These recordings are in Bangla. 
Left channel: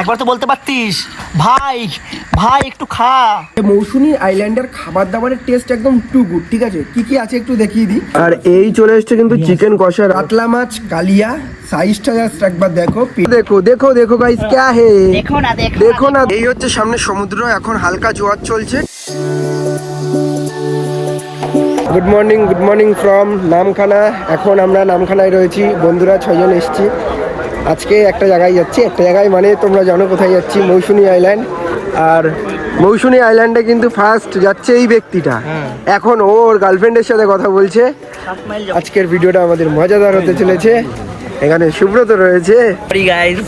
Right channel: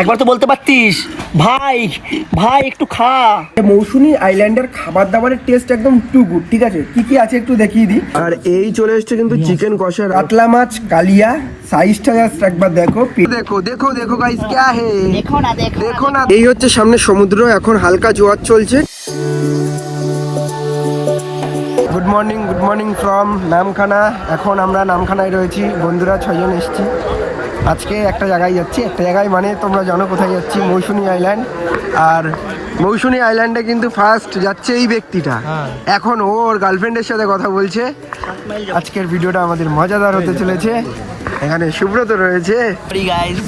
একবার তো বলতে পারতিস ভাই ভাই একটু খা। মৌসুমী আইল্যান্ডের খাবার দাবারের টেস্ট একদম টু গুড। ঠিক আছে, কি কি আছে একটু দেখিয়ে দিই। আর এই চলে এসছে কিন্তু চিকেন কষা, কাতলা মাছ, কালিয়া, সাইজটা জাস্ট একবার দেখো। দেখো দেখো দেখো গাইস क्या है, দেখো না দেখো না। এই হচ্ছে সামনে সমুদ্র, এখন হালকা জোয়ার চলছে। Good morning from Namkhana. এখন আমরা নামখানায় রয়েছি, বন্ধুরা 6 জন এসেছি। আজকে একটা জায়গায় যাচ্ছি, একটা জায়গায় মানে তোমরা জানো কোথায় যাচ্ছি, মৌসুমী আইল্যান্ড। আর মৌসুমী আইল্যান্ডে কিন্তু ফার্স্ট যাচ্ছে এই ব্যক্তিটা, এখন ওর গার্লফ্রেন্ডের সাথে কথা বলছে। আজকের ভিডিওটা আমাদের মজাদার হতে চলেছে। এখানে সুব্রত রয়েছে,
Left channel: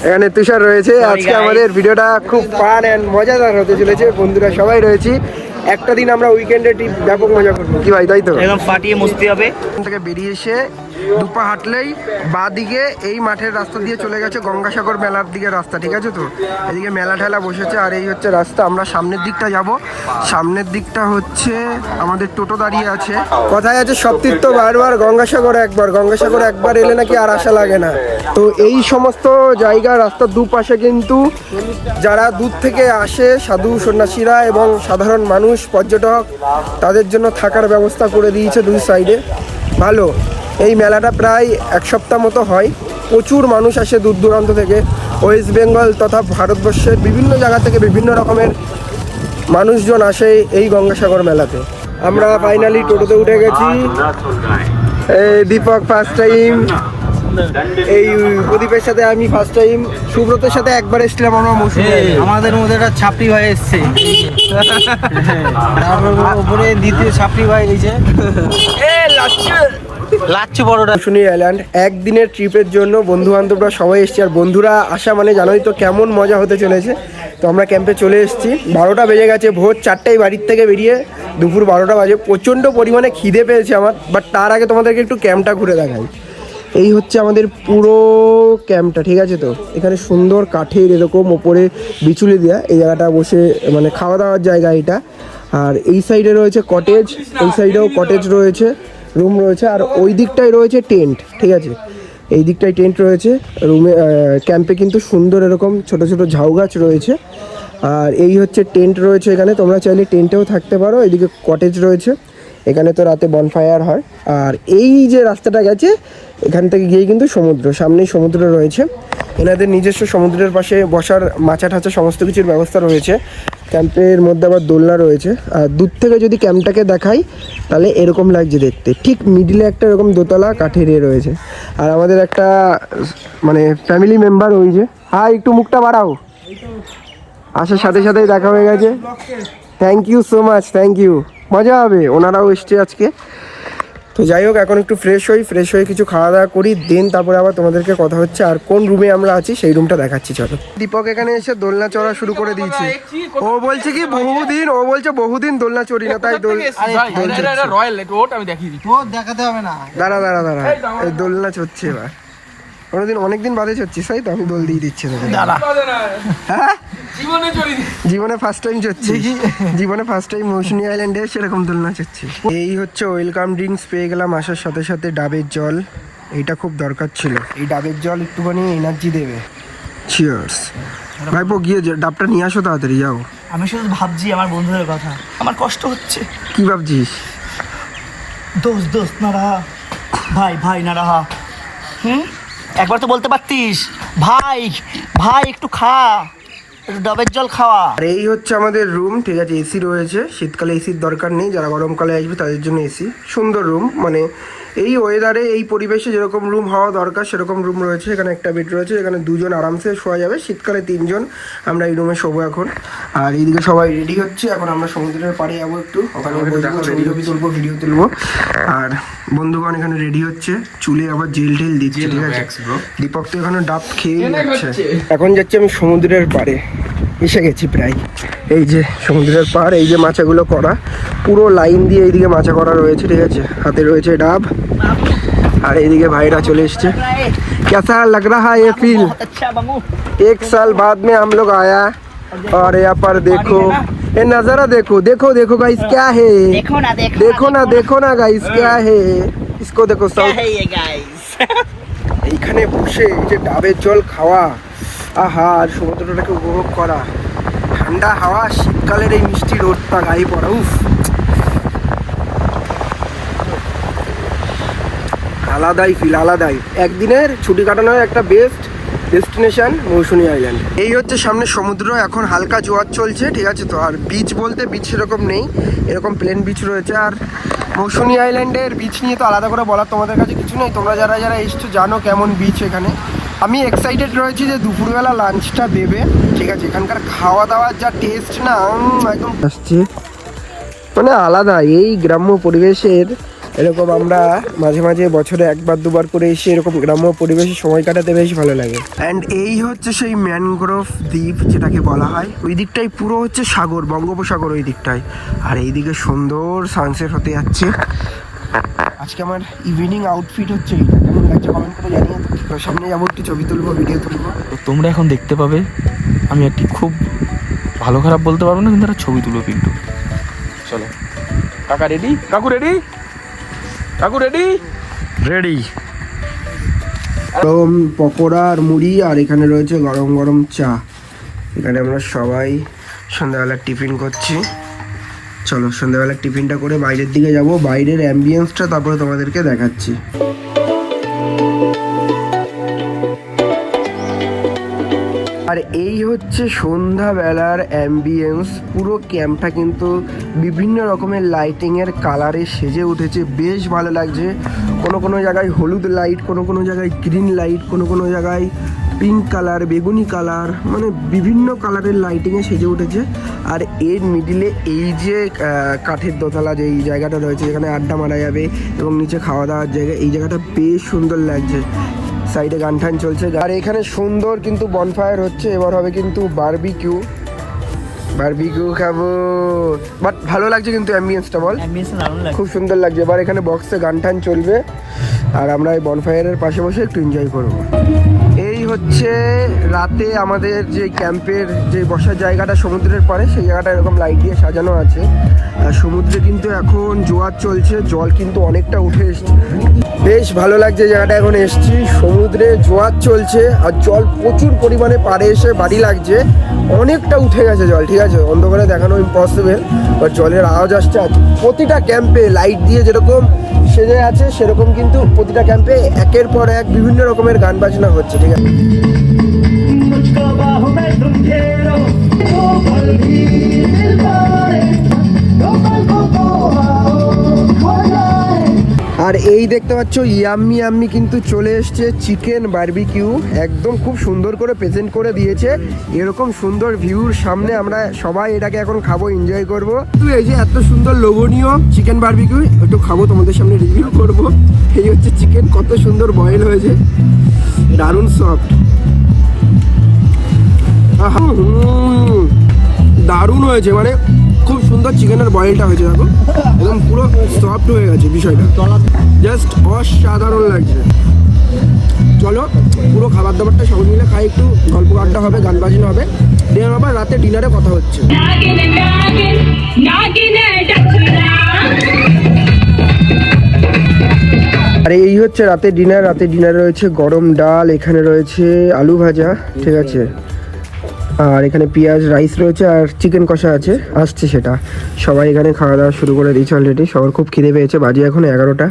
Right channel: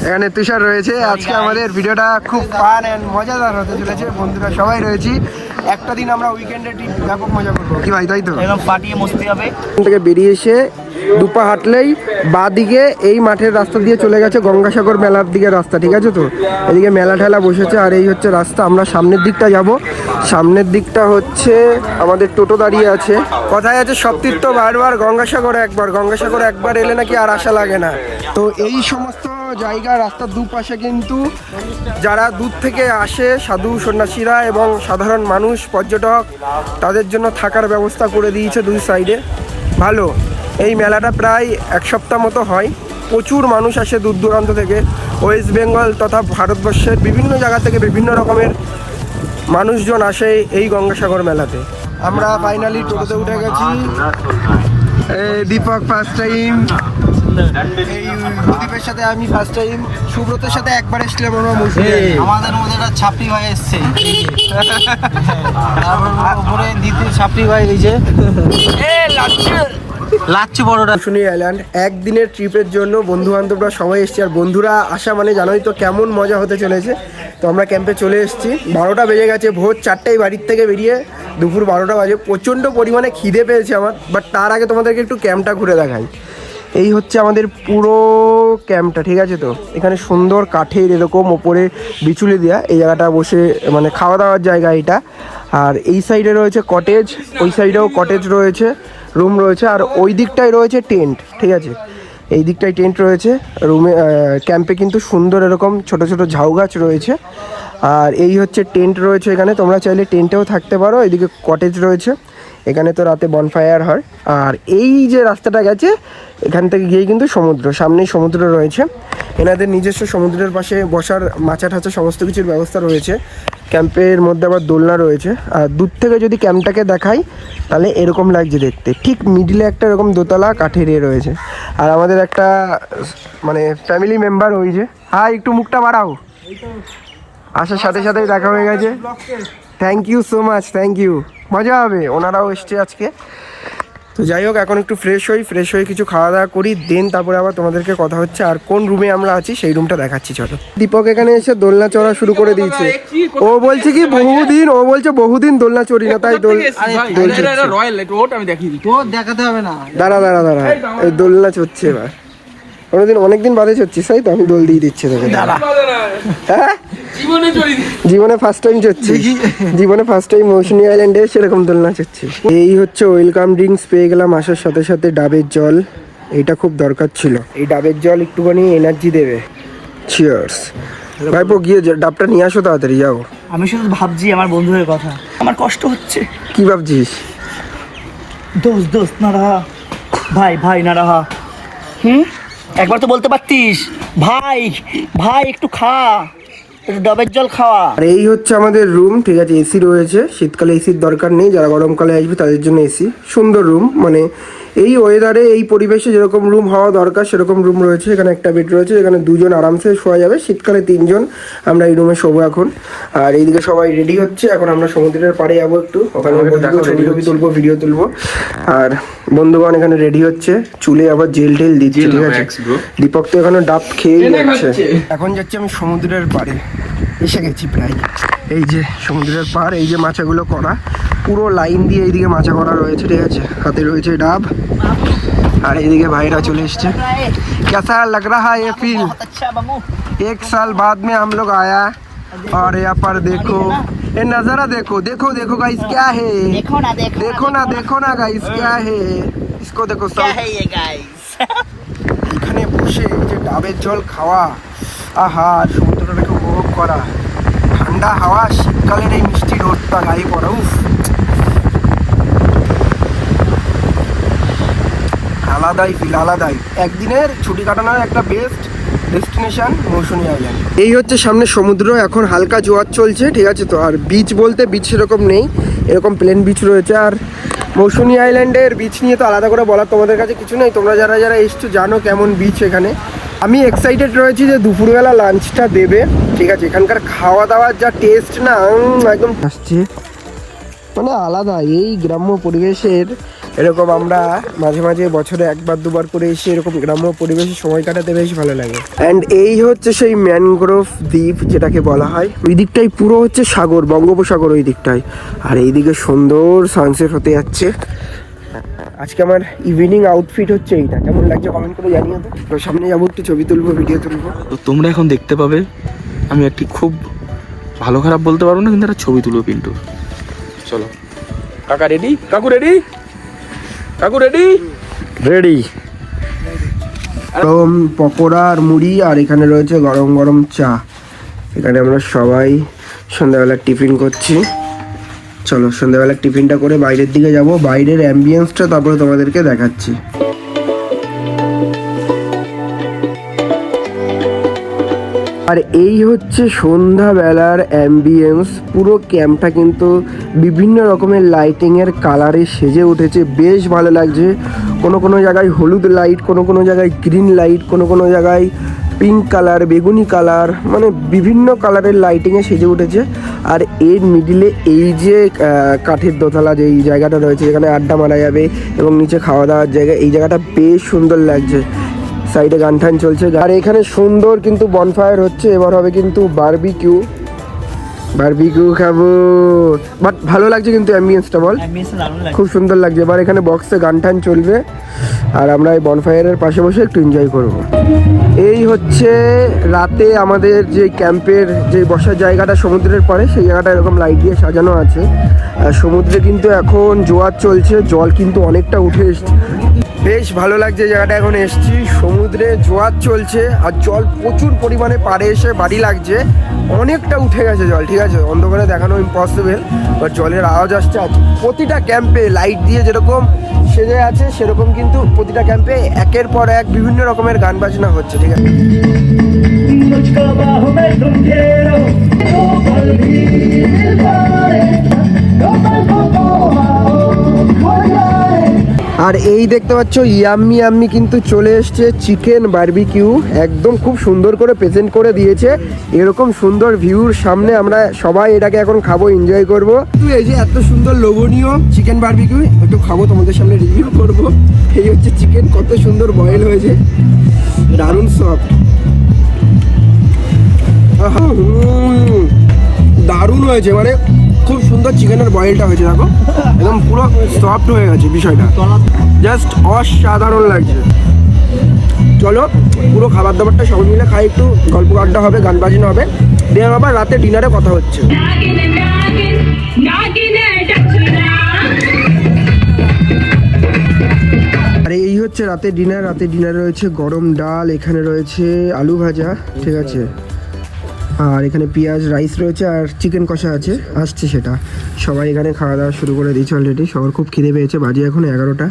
এখানে তুষার রয়েছে। আজকে আমাদের ভিডিওটা খুব ফান অ্যান্ড মজাদার হতে চলেছে। বন্ধুরা সবাই রয়েছি, একটা দিন আমরা উইকেন্ডে ব্যাপক মজা করবো, কি ভাই তাই তো? একদম ফাটিয়ে মস্তি হবে। এখান থেকে বেরিয়ে এসে দুপা হাঁটলেই বাঁ দিকে এই মাঠের রাস্তা দিয়ে চলে গেছে গঙ্গাসাগর মেলার দিকে রাস্তা। ঠিক আছে তো, এদিকে মেলা ঠেলা বসেছে আর এই হচ্ছে রাস্তা। আমরা সামনের দিকটা যাব, সামনের দিকটা হচ্ছে আমাদের টোটো দাঁড়িয়ে আছে। কথায় আছে সব তীর্থ বারবার, গঙ্গাসাগর একবার, গঙ্গাসাগর একবার এলে নাকি আর আশা লাগে না। তো এই সমস্ত জায়গা রাস্তার দুপাশে কিন্তু যারা দূর থেকে আসে, সাধু সন্ন্যাসীরা এবং সাধারণ মানুষ, পর্যটক, তাদের জন্য থাকার ব্যবস্থা করে দিয়েছে দুই সাইডে। ভালো, এই মেলাটা প্রায় এক সপ্তাহ মতো হয়। প্রচুর মানুষ আসে দূর দূরান্ত থেকে, ওয়েস্ট বেঙ্গল তথা ভারতবর্ষের বিভিন্ন জায়গা থেকে বিভিন্ন রকমের মানুষজন আসে এই গঙ্গাসাগর মেলাতে। আমরা ফাইনালি টোটোতে উঠে গেছি। এই দীপক ফার্স্ট টাইম, এই প্রদীপের সাথে আমি ফার্স্ট টাইম, সুব্রতের সাথে একবার এসেছিলাম আমরা। আমাদের মধ্যে একটা ছাপড়ি ভাই এসছে, তারপর উপরে দ্বিতীয় ছাপড়ি ভাই এই যে লাচ্ছু বড়টা। মৌসুমী আইল্যান্ড একদিনের ট্রিপের জন্য বন্ধু বান্ধবরা সবাই এসছে। আর বন্ধুরা আসা মানে জানোই তো কেমন মজা হতে চলেছে। তো আমরা ক্যাম্পে চলে এসেছি, 12টা বেজে গেছে। ভোর 4টায় বাড়ির থেকে বেরিয়ে দুপুর 12টা বাজে। প্রচণ্ড পরিমাণে খিদে পেয়েছে আমার, বাট তার আগে তোমাদেরকে একটু ক্যাম্পটা ঘুরে দেখাই। এই হচ্ছে আমাদের পুরো ক্যাম্পটা, ঠিক আছে তো। এখানে সুন্দর কাঠের এরকম ওপরে বিচুলি দেওয়া, এই জায়গাটা বসে মানে খাওয়া দাওয়ার জায়গা এটা। আর এই সাইডে রয়েছে কটেজ, ওই সাইডেও কটেজ রয়েছে, রুম রয়েছে। আর ওই দিকটায় রয়েছে টেন্ট, ঠিক আছে। এই দিকটায় টেন্ট রয়েছে রুমে। ক্যাম্পে কিন্তু সুন্দর এরকম ছোট ছোট ঝাউ গাছ রয়েছে। আর এই হচ্ছে টেন্ট রয়েছে এখানে, তোমরা চাইলে টেন্টেও থাকতে পারো। এদিকে কটেজ রয়েছে, এখানে তো রাতে বনফায়ার হয়। আর এই যে রাস্তাটা গেছে এখান থেকে গিয়ে কিন্তু সমুদ্র, সামনেই সমুদ্র রয়েছে। এনাদের নিজস্ব সমুদ্রের পাশে বসার মাচা ঠাচা সমস্ত কিছুর ব্যবস্থা রয়েছে। ক্যাম্পের মধ্যে আবার দোলনা রয়েছে। আর দূর থেকে যদি ক্যাম্পটাকে দেখাই তাহলে এরকম লাগছে দেখতে। ঠিক মিডিলে একটা এরকম দোতলা কাঠের রয়েছে। আর আমাদের একটা মানে ফ্যামিলি মেম্বার, ওই যে, হ্যাঁ একটু মুখটা বাড়াও, আসার সাথে সাথেই দেখা হয়ে গেছে। Thank you so much, thank you. মজা হবে, ওনারাও এসছে আজকে। তো যাই হোক, এখন একটু ফ্রেশ হয়ে কিছু খাওয়া দাওয়া করি, দেন তারপরে আবার তোমাদেরকে কথা হচ্ছে। আর কোন রুমে আমরা আছি সেই রুমটা দেখাচ্ছি, চলো। দীপক এখানে এসে দোলনা চড়া শুরু করে দিয়েছে। ও বলছে কি বহুদিন দোলনা চড়ি না, তাই দেখাতে হবে না। দাঁড়া এই দোলনা চড়ছে এবার। অনেকদিন বাদে চড়ছিস, তাই তো? আমি দোল দিয়ে দিচ্ছি তোকে। হ্যাঁ, জীবনে ফার্স্ট টাইম চড়ছি, জীবনে ফার্স্ট টাইম মৌসুমী আইল্যান্ডে সেরকম দোলনা চড়ছি। এই হচ্ছে ওয়েলকাম ড্রিঙ্কস পেয়ে গেলাম আসার সাথে সাথে, ডাবের জল। এটা খুব দরকার ছিল, এই ডাবের জল একটুখানি এনার্জি দেবে। চিয়ার্স। ভাইপো গিয়ে ডাবটা নিয়ে আসো তাড়াতাড়ি, যাও। আমি শুধু ভাবছি আমার বন্ধুদের কথা, আমার কষ্ট হচ্ছে। কি ভাবছিস? দোস্ত না রাহা, ভাই না রাহা। একবার তো বলতে পারতিস ভাই ভাই একটু খা, একটু ডাবের জল খাওয়া। আর এই হচ্ছে আমাদের রুম, ঠিক আছে। এসি রয়েছে, শীতকালে এসির দরকার নেই, যারা গরমকালে আসবে তাদের জন্য এসি। সুন্দর রুম, মানে এই ওয়েদারে এই পরিবেশে যেরকম রুম হওয়া দরকার সেরকম রুম রয়েছে। এখানে একটা বেড রয়েছে, এখানে 2 জন আরামসে শোয়া যাবে। শীতকালে 3 জন আমরা এই রুমে শোবো এখন। আর এইদিকে সবাই রেডি হচ্ছে, এখন আমরা সমুদ্রের পাড়ে যাবো একটু, ওখানে ছবি তুলবো, ভিডিও তুলবো। আর বন্ধুগণ এখানে রেডি হচ্ছে, চুলে আবার জেল টেল দিচ্ছে, ঠিক আছে। দীপক তো এখানে ডাব খেয়েই যাচ্ছে। এখন যাচ্ছি আমি সমুদ্রের পাড়ে, এসে গেছি প্রায়। এই যে সমুদ্রের পাড়, এই যে মাচাগুলো করা, পুরো লাইন দিয়ে এইদিকে মাচা করা রয়েছে, ঠিক আছে। হাতে রয়েছে ডাব, আর এইদিকে ভাইরা চলে এসছে। कैसा लग रहा है ये फील? 1 साल बाद में हम लोग आया और यहाँ पर देखो ये नजारा, देखो गाइस क्या है, देखो ना गाइस क्या है, इसको देखो सब। এখানে বসে এই যে ডাবের জল খাওয়া, আহা, আর সমুদ্রটাকে উপভোগ করা, ঠান্ডা হাওয়া, শীতকালের এই মিষ্টি রোদটা গায়ে পড়া, উফ, আলাদাই ফিল, আলাদাই। একদিনের ছুটি কাটানোর একটা বেস্ট ডেস্টিনেশন মৌসুনী আইল্যান্ড। এই হচ্ছে সামনে সমুদ্র, এখন হালকা জোয়ার চলছে, ঠিক আছে। তো আর বিচ বলতে বিচ সেরকম নেই, এরকম প্লেন বিচ রয়েছে। আর মৌসুনী আইল্যান্ডের বিচ নিয়ে তো আলাদা করে বলার তোমাদের কাছে কিছু নেই, তোমরা যারা যারা এসছো জানো কেমন বিচ এখানে। আমি এক্সাইটেড রয়েছি যে দুপুরবেলা লাঞ্চটা দেবে, ঠিক আছে। এখানকার খাওয়া দাওয়ার যা টেস্ট না, একদম আসছি, মানে আলাদা। এই গ্রাম্য পরিবেশের এরকম আমরা মাঝে মাঝে বছরে একবার দুবার করে এসে এরকম গ্রাম্য পরিবেশে সময় কাটাতে বেশ ভালো লাগে। অ্যান্ড এই হচ্ছে সেই ম্যানগ্রোভ দ্বীপ যেটাকে বলা হয়। ওই দিকটাই পুরো হচ্ছে সাগর, বঙ্গোপসাগর ওই দিকটায়, আর এইদিকে সুন্দর সানসেট হতে যাচ্ছে। আজকে আমার ইভিনিং আউটফিট হচ্ছে এইটা, কেমন লাগছে কমেন্ট করে জানিয়ে তো। তো সামনে যাবো, একটু ছবি তুলবো, ভিডিও তুলবো। তো তোমরা এখন দেখতে পাবে আমি একটি খুব ভালো খারাপ বলতে পারবো না, কিন্তু একটা ছবি তুলবো পিন্টু। চলো কাকা রেডি? কাকু রেডি? কাকু রেডি? রেডি। গরম পকোড়া আর মুড়ি, আর এখানে রয়েছে গরম গরম চা। এখানে আমরা সবাই সন্ধ্যাবেলার টিফিন করছি। চলো সন্ধ্যাবেলার টিফিনটা করে বাইরের দিকে যাব, বাইরের অ্যাম্বিয়েন্সটা তারপরে তোমাদেরকে দেখাচ্ছি। আর এই হচ্ছে সন্ধ্যাবেলার অ্যাম্বিয়েন্স। পুরো ক্যাম্পটা কিন্তু বিভিন্ন রকমের লাইটিংয়ের কালারে সেজে উঠেছে, বেশ ভালো লাগছে। কোনো কোনো জায়গায় হলুদ লাইট, কোনো কোনো জায়গায় গ্রিন লাইট, কোনো কোনো জায়গায় পিঙ্ক কালার, বেগুনি কালার, মানে বিভিন্ন কালারের লাইটিংয়ে সেজে উঠেছে। আর এর মিডিলে এই যে কাঠের দোতলা যে এই জায়গাটা রয়েছে, যেখানে আড্ডা মারা যাবে এবং নিচে খাওয়া দাওয়ার জায়গা, এই জায়গাটা বেশ সুন্দর লাগছে। সাইডে গান টান চলছে, আর এখানে সুন্দর কিন্তু বনফায়ার হচ্ছে। এবার হবে কিন্তু বারবিকিউ, বারবিকিউ খাবো। বাট ভালো লাগছে কিন্তু অ্যাম্বিয়েন্সটা, বল খুব সুন্দর লাগছে। এবার এখানে বক্সে গান টান চলবে, আর আমরা এই বনফায়ারের পাশে বসে একটু এনজয় করবো। এই হচ্ছে রাতে আমাদের যে ক্যাম্পের যে বসার জায়গাটা সমুদ্রের পরে, সেই জায়গাটা এরকম লাইট দিয়ে সাজানো আছে। আর সমুদ্রে কিন্তু এখন জোয়ার চলছে, জল কিন্তু অনেকটা উঠে এসছে, বেশ ভালো লাগছে জায়গাটা। এখন এসছি, সমুদ্রে জোয়ার চলছে আর জল প্রচুর পরিমাণে পাড়ে এসে বাড়ি লাগছে, অনেকটা উঠে গেছে জল, ঠিক আছে। অন্ধকারে দেখানো ইম্পসিবল, বাট জলের আওয়াজ আসছে। আর প্রতিটা ক্যাম্পে লাইট দিয়ে যেরকম সেজে আছে, সেরকম কিন্তু প্রতিটা ক্যাম্পে একের পর এক বিভিন্ন রকমের গান বাজনা হচ্ছে, ঠিক আছে। আর এই দেখতে পাচ্ছ ইয়াম্মি ইয়াম্মি কিন্তু চলে এসছে চিকেন বারবিকিউ, একদম খুব সুন্দর করে প্রেজেন্ট করে দিয়েছে। এরকম সুন্দর ভিউর সামনে আমরা সবাই এটাকে এখন খাবো, এনজয় করবো। তুই এই যে এত সুন্দর লোভনীয় চিকেন বারবিকিউ একটু খাবো, তোমাদের সামনে রিভিউ করব। এই হচ্ছে চিকেন, কত সুন্দর বয়েল হয়েছে, দারুণ সফট, দারুণ হয়েছে, মানে খুব সুন্দর চিকেনের বয়েলটা হয়েছে। দেখো একদম পুরো সফট হয়ে গেছে বিষয়টা, জাস্ট অসাধারণ লাগছে। চলো পুরো খাবার দাবারটা সবাই মিলে খাই, একটু গল্প আড্ডা হবে, গান বাজনা হবে, দিয়ে আবার রাতে ডিনারে কথা হচ্ছে। আর এই হচ্ছে রাতে ডিনার। রাতে ডিনারে রয়েছে গরম ডাল, এখানে রয়েছে আলু ভাজা, ঠিক আছে, আর এখানে পেঁয়াজ রাইস রয়েছে, আর চিকেন কষা আছে, আসছে সেটা। সবাই এখানে খাওয়া দাওয়া শুরু করে দিয়েছে অলরেডি, সবার খুব খিদে পেয়েছে, বাজে এখন 11টা।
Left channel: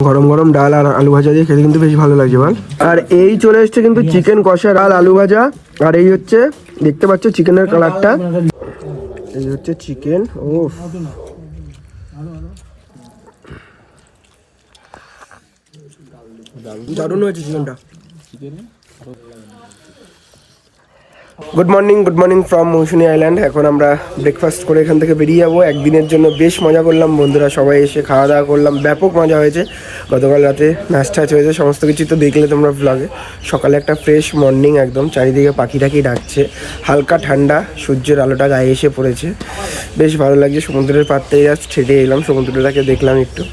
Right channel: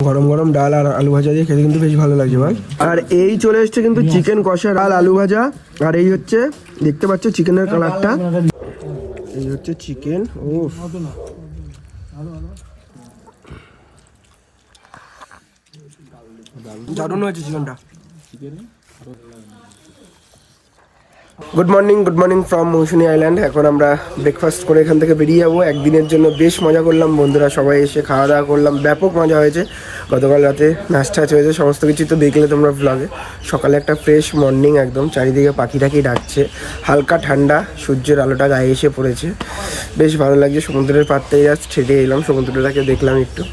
গরম গরম ডাল আর আলু ভাজা দিয়ে খেতে কিন্তু বেশ ভালো লাগছে, বল। আর এই চলে এসছে কিন্তু চিকেন কষা, ডাল, আলু ভাজা, আর এই হচ্ছে দেখতে পাচ্ছ চিকেনের কালারটা, এই হচ্ছে চিকেন। ও দারুণ হয়েছে চিকেনটা। Good morning from Mousuni island. এখন আমরা ব্রেকফাস্ট করে এখান থেকে বেরিয়ে যাবো। একদিনের জন্য বেশ মজা করলাম, বন্ধুরা সবাই এসে খাওয়া দাওয়া করলাম, ব্যাপক মজা হয়েছে। গতকাল রাতে নাচ টাচ হয়েছে, সমস্ত কিছু তো দেখলে তোমরা ভ্লগে। সকালে একটা ফ্রেশ মর্নিং, একদম চারিদিকে পাখি টাকি ডাকছে, হালকা ঠান্ডা, সূর্যের আলোটা গায়ে এসে পড়েছে, বেশ ভালো লাগছে। সমুদ্রের পাড় থেকে জাস্ট হেঁটে এলাম, সমুদ্রটাকে দেখলাম একটু।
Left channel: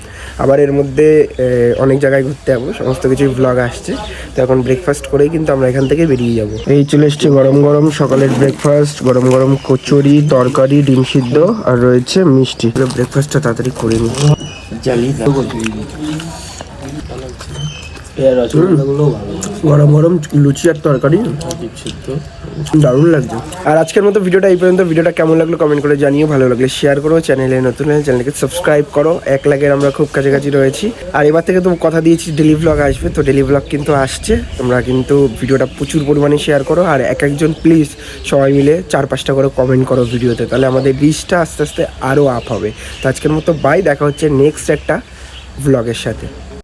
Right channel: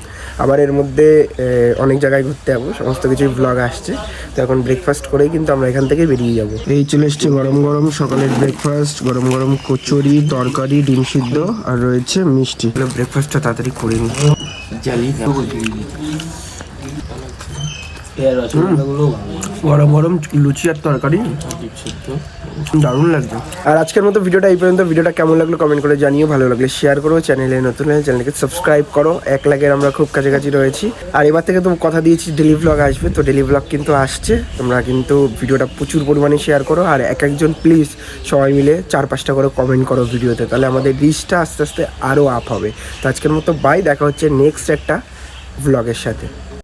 আবার এর মধ্যে অনেক জায়গায় ঘুরতে যাবো, সমস্ত কিছুই ভ্লগ আসছে। তো এখন ব্রেকফাস্ট করেই কিন্তু আমরা এখান থেকে বেরিয়ে যাব। এই চলে এসছে গরম গরম সকালের ব্রেকফাস্ট, গরম গরম কচুরি, তরকারি, ডিম সিদ্ধ, আর রয়েছে মিষ্টি। ব্রেকফাস্টটা তাড়াতাড়ি করে নিই। গরম গরম লুচি আর তরকারি দারুণ লাগছে। আর আজকের মতো ভিডিওটা এই পর্যন্ত। ভিডিওটা কেমন লাগলো কমেন্ট করে জানিও, ভালো লাগলে শেয়ার করো, চ্যানেলে নতুন হলে চ্যানেলকে সাবস্ক্রাইব করো। 1 লাখের আমরা খুব কাছাকাছি রয়েছি। আর এবার থেকে তো কথা দিয়েছি ডেলি ব্লগ আসবে, তো ডেলি ব্লগ কিন্তু আসছে। তোমরা কিন্তু ভিডিওটা প্রচুর পরিমাণে শেয়ার করো, আর একজন প্লিজ সবাই মিলে 4-5টা করে কমেন্ট করো ভিডিওতে, তাহলে আমাদের রিচটা আস্তে আস্তে আরও আপ হবে। তো আজকের মতো বাই, দেখা হচ্ছে নেক্সট একটা ব্লগের সাথে।